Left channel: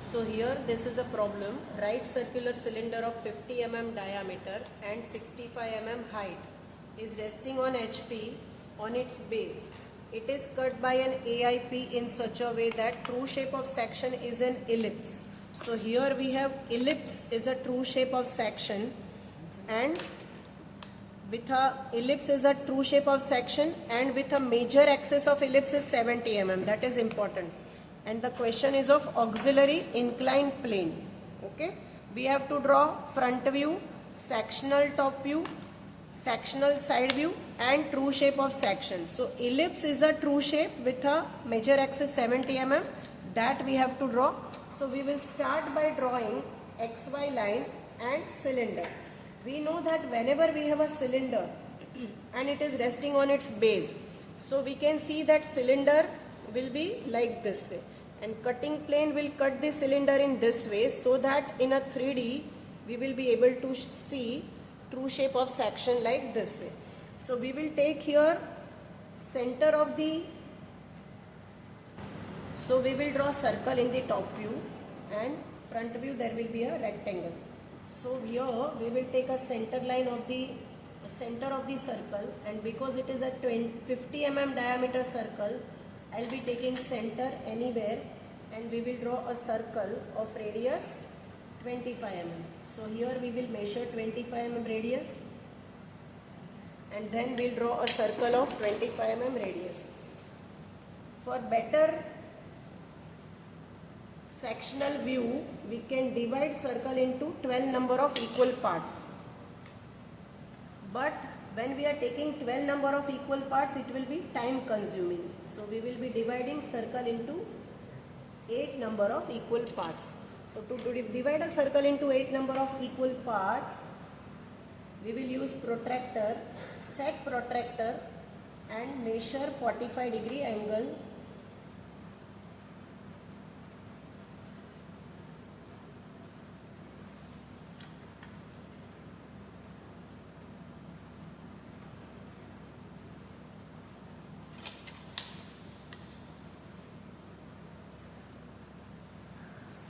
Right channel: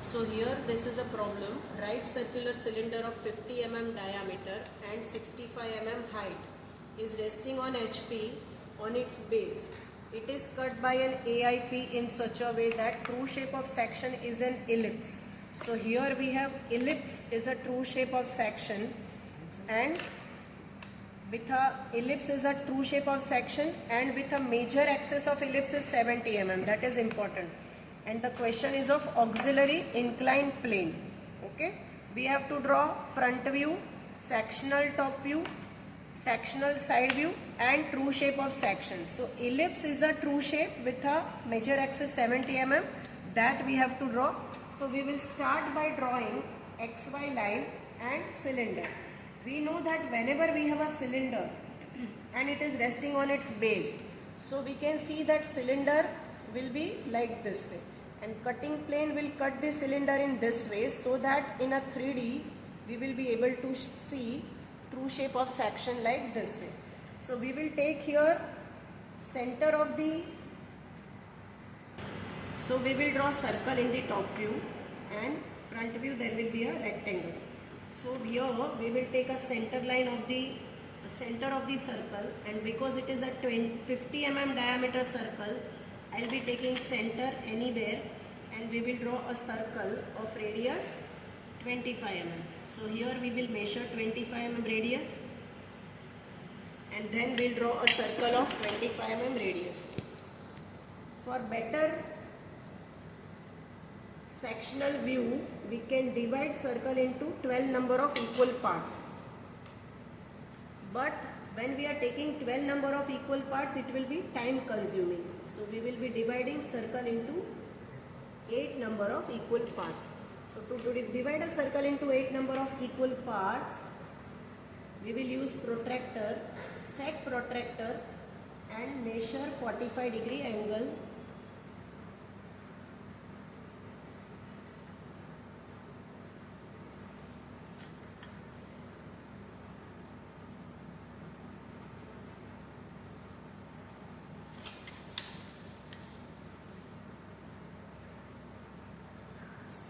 So here this is a problem. Right circular cylinder of 50 mm diameter and 65 mm height is resting on HP on its base. It is cut by an AIP in such a way that true shape of section is an ellipse. So here we have ellipse is a true shape of section, and with a ellipse is a true shape of section, and with a major axis of ellipse is 70 mm. That is important. And the question is of auxiliary inclined plane. Okay, we have to draw front view, sectional top view, sectional side view, and true shape of section. So ellipse is a true shape with a major axis 70 mm that we have to draw. So we will start by drawing XY line and cylinder. We know that whenever we have a cylinder and it is resting on its base, so we can see that cylinder will be like this way, and cutting plane will cut the cylinder in this way, so that in a 3D we will be able to see true shape of section like this way. So we will take here center of the, so we will draw circle in the top view, and front view there will be a rectangle. So here we will take a center line of the center of the circle, and because it is a 50 mm diameter circle, I will be taking center anywhere, and we will draw a circle of radius 25 mm. So here we will measure 25 mm radius, and then we will draw a circle of 25 mm radius. For better sectional view, we can divide circle into 12 number of equal parts. But when we are taking 12 number of equal parts, it will be time consuming. So we will be dividing circle into 8 number of equal parts. So to divide a circle into 8 number of equal parts, we will use protractor, set protractor, and measure 45-degree angle.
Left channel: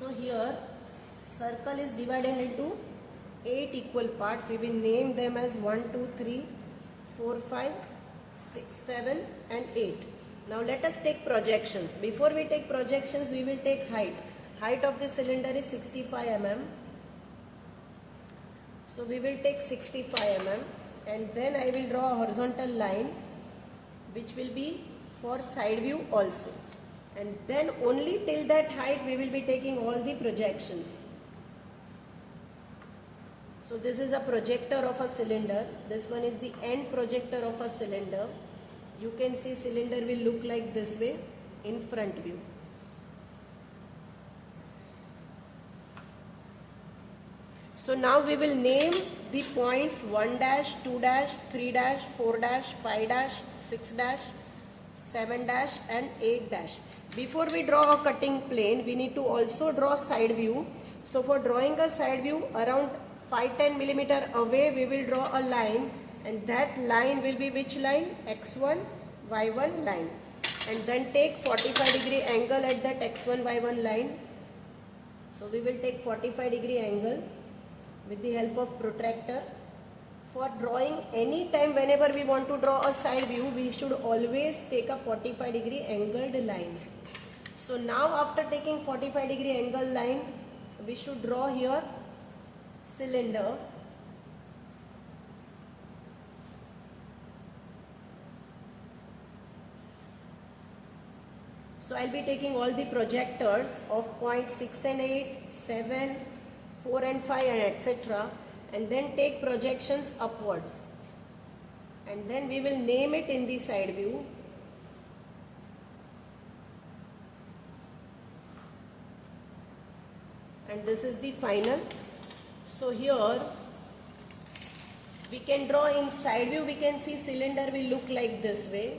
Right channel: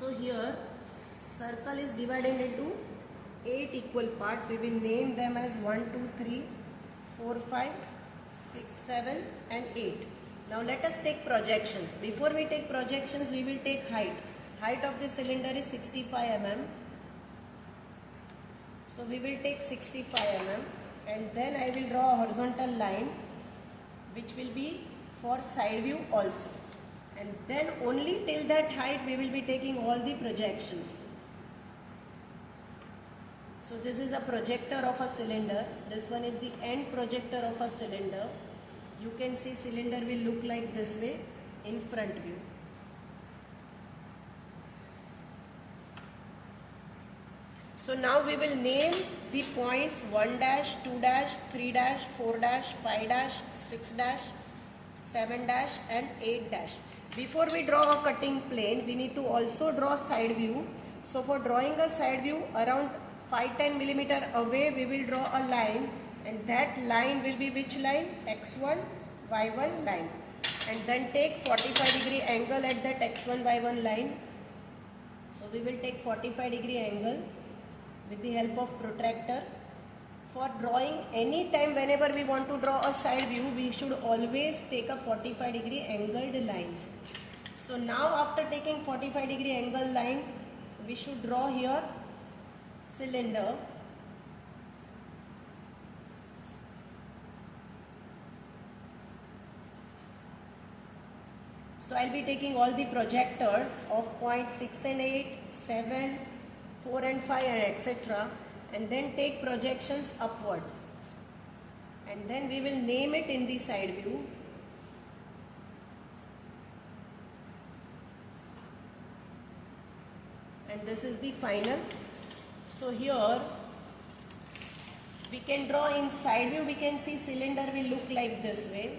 So here circle is divided into 8 equal parts. We will name them as 1, 2, 3, 4, 5, 6, 7 and 8. Now let us take projections. Before we take projections, we will take height. Height of the cylinder is 65 mm. So we will take 65 mm, and then I will draw a horizontal line which will be for side view also. And then only till that height we will be taking all the projections. So this is a projector of a cylinder. This one is the end projector of a cylinder. You can see cylinder will look like this way in front view. So now we will name the points 1 dash, 2 dash, 3 dash, 4 dash, 5 dash, 6 dash, 7 dash and 8 dash. Before we draw a cutting plane, we need to also draw side view. So for drawing a side view, around 5-10 mm away we will draw a line, and that line will be which line? X1, Y1 line. And then take 45-degree angle at that X1, Y1 line. So we will take 45-degree angle with the help of protractor. For drawing any time whenever we want to draw a side view, we should always take a 45-degree angled line. So now after taking 45-degree angle line, we should draw here cylinder. So I will be taking all the projectors of point 6 and 8, 7, 4 and 5 and etc. and then take projections upwards, and then we will name it in the side view. And this is the final. So here we can draw in side view. We can see cylinder will look like this way.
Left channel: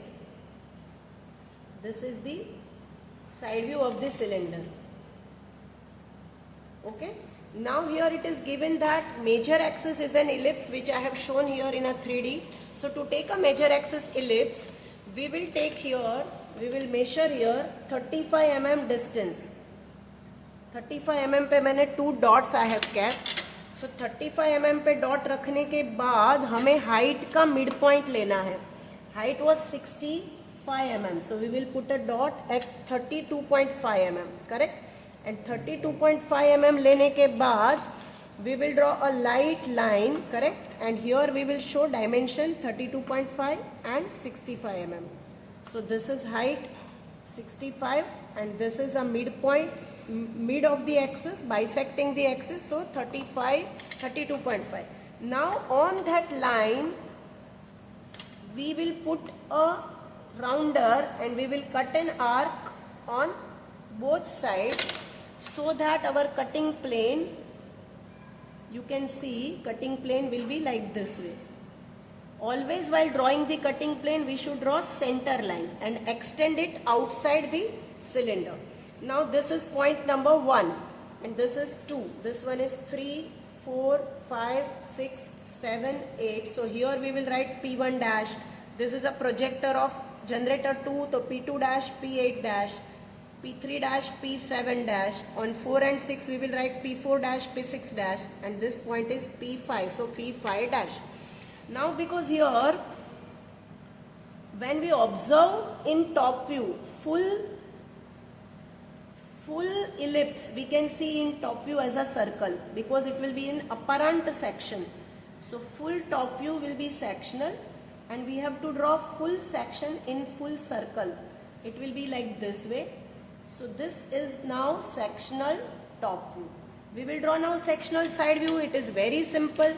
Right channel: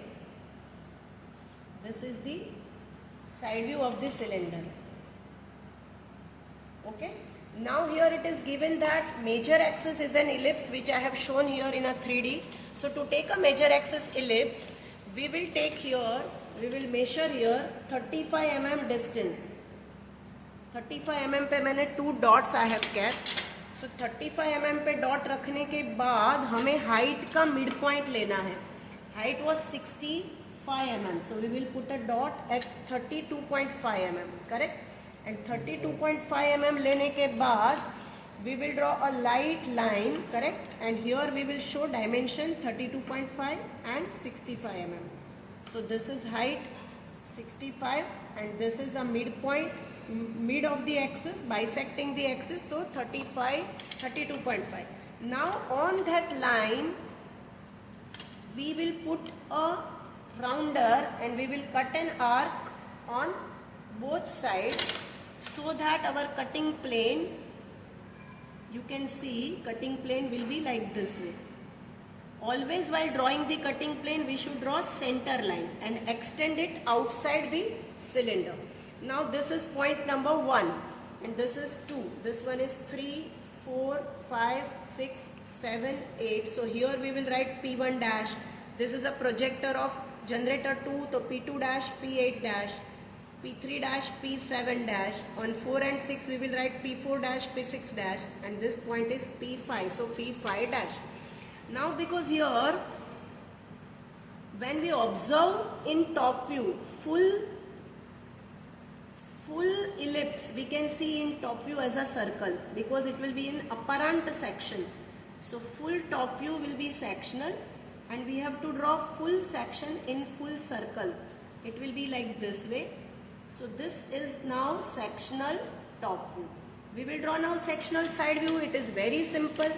This is the side view of the cylinder. Okay. Now here it is given that major axis is an ellipse, which I have shown here in a 3D. So to take a major axis ellipse, we will take here, we will measure here 35 mm distance. 35 mm पे मैंने 2 dots I have kept. So 35 mm पे dot रखने के बाद हमें height का mid point लेना है. Height was 65 mm, so we will put a dot at 32.5 mm, correct? And 32.5 mm लेने के बाद we will draw a light line, correct? And here we will show dimension 32.5 and 65 mm. So this is height 65 and this is the midpoint, mid of the axis, bisecting the axis, so 35, 32.5. Now on that line we will put a rounder and we will cut an arc on both sides so that our cutting plane, you can see cutting plane will be like this way. Always while drawing the cutting plane we should draw center line and extend it outside the cylinder. Now this is point number 1 and this is 2. This one is 3, 4, 5, 6, 7, 8. So here we will write P1 dash. This is a projector of generator 2, so P2 dash, P8 dash, P3 dash, P7 dash. On 4 and 6 we will write P4 dash, P6 dash, and this point is P5, so P5 dash. Now because here when we observe in top view full ellipse, we can see in top view as a circle because it will be in apparent section. So full top view will be sectional and we have to draw full section in full circle. It will be like this way. So this is now sectional top view. We will draw now sectional side view. It is very simple.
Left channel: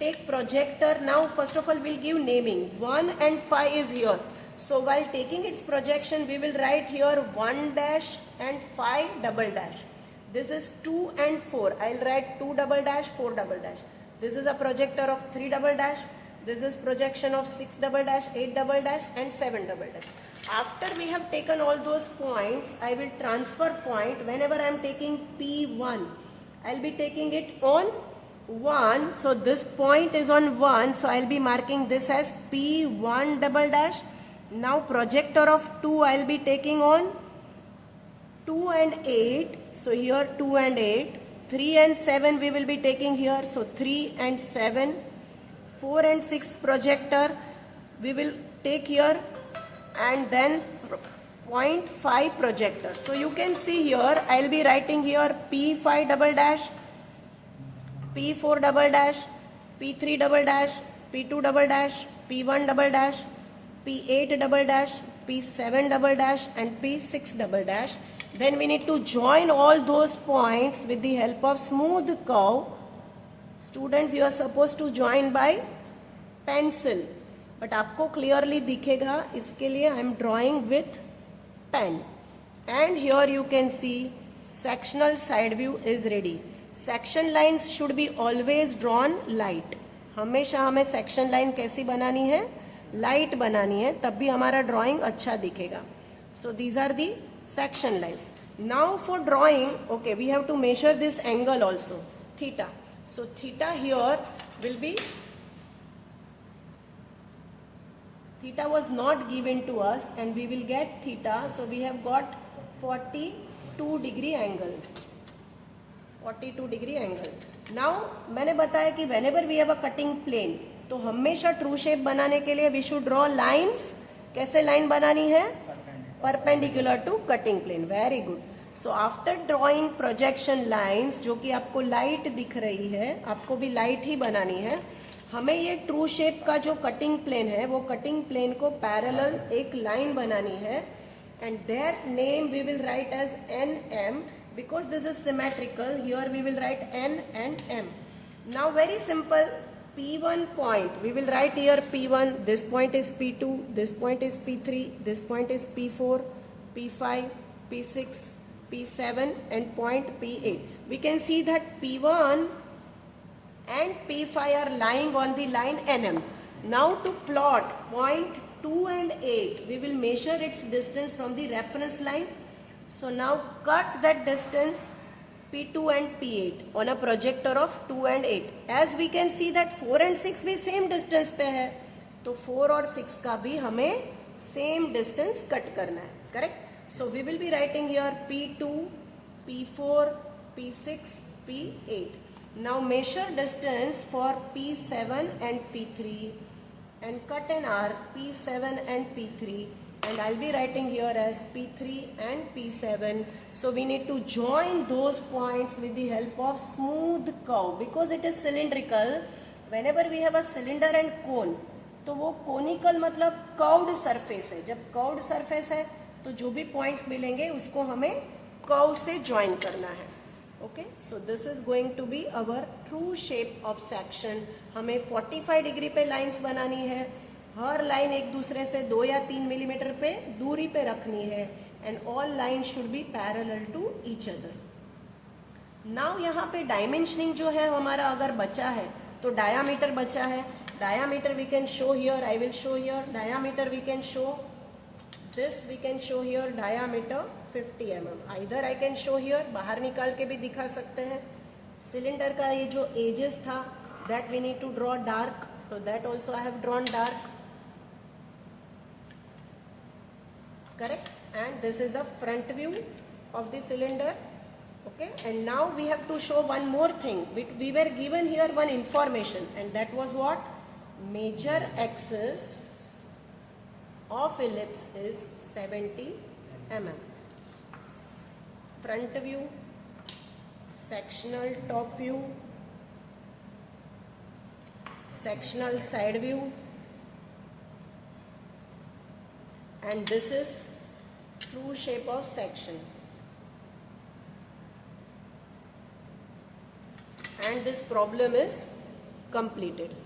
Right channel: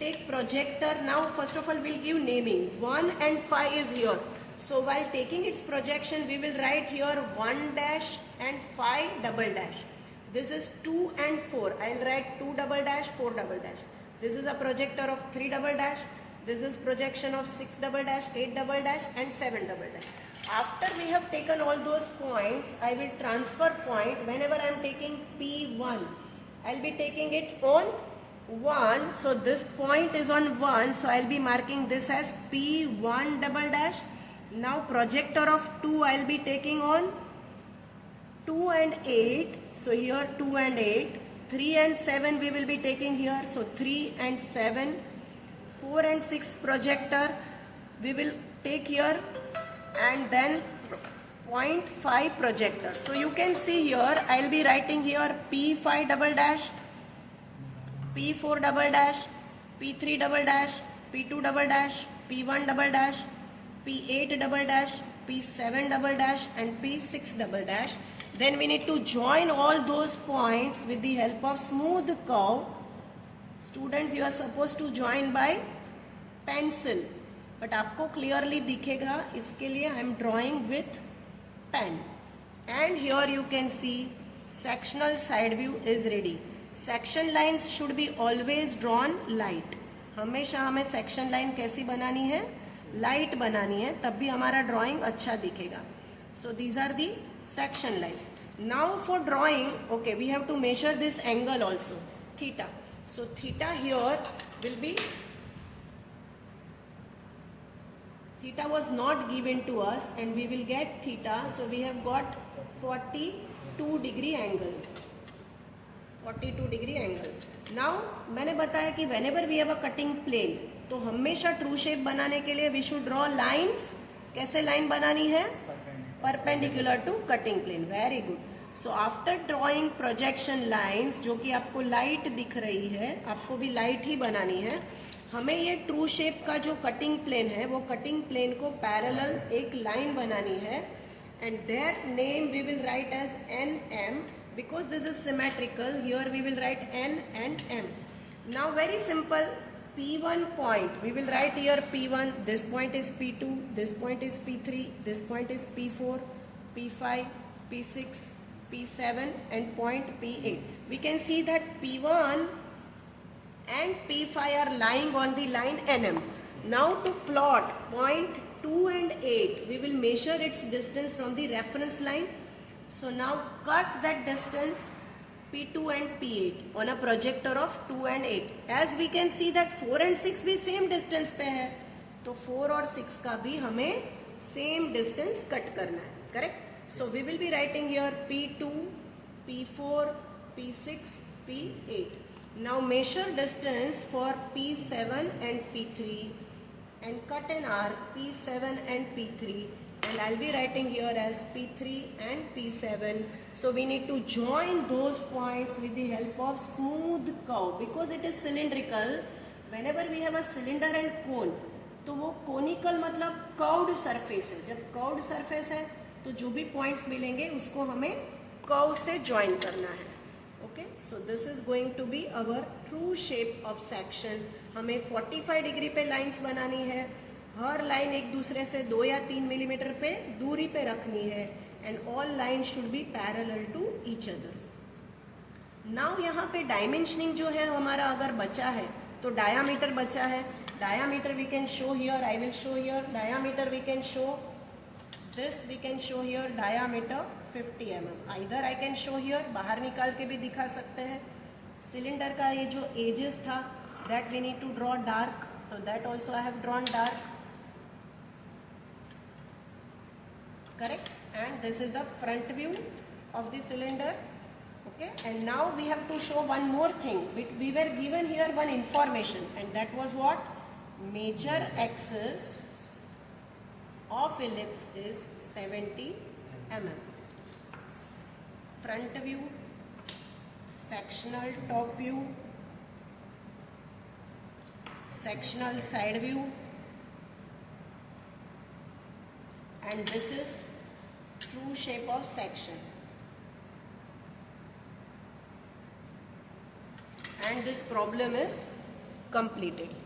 Take projector. Now first of all we'll give naming. 1 and 5 is here. So while taking its projection we will write here 1 dash and 5 double dash. This is 2 and 4. I'll write 2 double dash, 4 double dash. This is a projector of 3 double dash. This is projection of 6 double dash, 8 double dash and 7 double dash. After we have taken all those points, I will transfer point. Whenever I am taking P1, I will be taking it on 1. So this point is on 1. So I will be marking this as P1 double dash. Now projector of 2 I will be taking on 2 and 8. So here 2 and 8. 3 and 7 we will be taking here. So 3 and 7. 4 and 6 projector we will take here and then 0.5 projector. So you can see here I will be writing here P5 double dash, P4 double dash, P3 double dash, P2 double dash, P1 double dash, P8 double dash, P7 double dash and P6 double dash. Then we need to join all those points with the help of smooth curve. Students, you are supposed to join by pencil, but आपको clearly दिखेगा इसके लिए I am drawing with pen. And here you can see sectional side view is ready. Section lines should be always drawn light. हमेशा हमें section line कैसी बनानी है? Light बनानी है, तब भी हमारा drawing अच्छा दिखेगा. So these are the section lines. Now for drawing, okay, we have to measure this angle also, theta. So theta here will be, theta was not given to us and we will get theta. So we have got 42 degree angle. 42 degree angle. Now मैंने बताया कि whenever we have a cutting plane, तो हमेशा true shape बनाने के लिए we should draw lines. कैसे line बनानी है? Perpendicular to cutting plane. Very good. So after drawing projection lines, जो कि आपको light दिख रही है, आपको भी light ही बनानी है. हमें ये true shape का जो cutting plane है, वो cutting plane को parallel एक line बनानी है. And their name we will write as NM. Because this is symmetrical, here we will write N and M. Now very simple, P1 point, we will write here P1, this point is P2, this point is P3, this point is P4, P5, P6, P7 and point P8. We can see that P1 and P5 are lying on the line NM. Now to plot point 2 and 8, we will measure its distance from the reference line. So now cut that distance P2 and P8 on a projector of 2 and 8. As we can see that 4 and 6 भी same distance पे है, तो 4 और 6 का भी हमें same distance cut करना है, correct? So we will be writing here P2, P4, P6, P8. Now measure distance for P7 and P3 and cut an arc P7 and P3, and I'll be writing here as P3 and P7. So we need to join those points with the help of smooth curve because it is cylindrical. Whenever we have a cylinder and cone, तो वो conical मतलब curved surface है. जब curved surface है तो जो भी points मिलेंगे उसको हमें curve से join करना है. Okay, so this is going to be our true shape of section. हमें 45 डिग्री पे लाइंस बनानी है. हर लाइन एक दूसरे से 2 या 3 मिलीमीटर पे दूरी पे रखनी है. And all line should be parallel to each other. Now यहाँ पे डायमेंशनिंग जो है हमारा अगर बचा है तो डायामीटर बचा है. Diameter we can show here. I will show here. Diameter we can show this. We can show here diameter 50 mm. Either I can show here. बाहर निकाल के भी दिखा सकते हैं. सिलेंडर का ये जो एजेस था that we need to draw dark. So that also I have drawn dark. Correct? And this is the front view of the cylinder. Okay? And now we have to show one more thing. We were given here one information, and that was what? Major axis of ellipse is 70 mm. Front view, sectional top view, sectional side view, and this is true shape of section. And this problem is completed.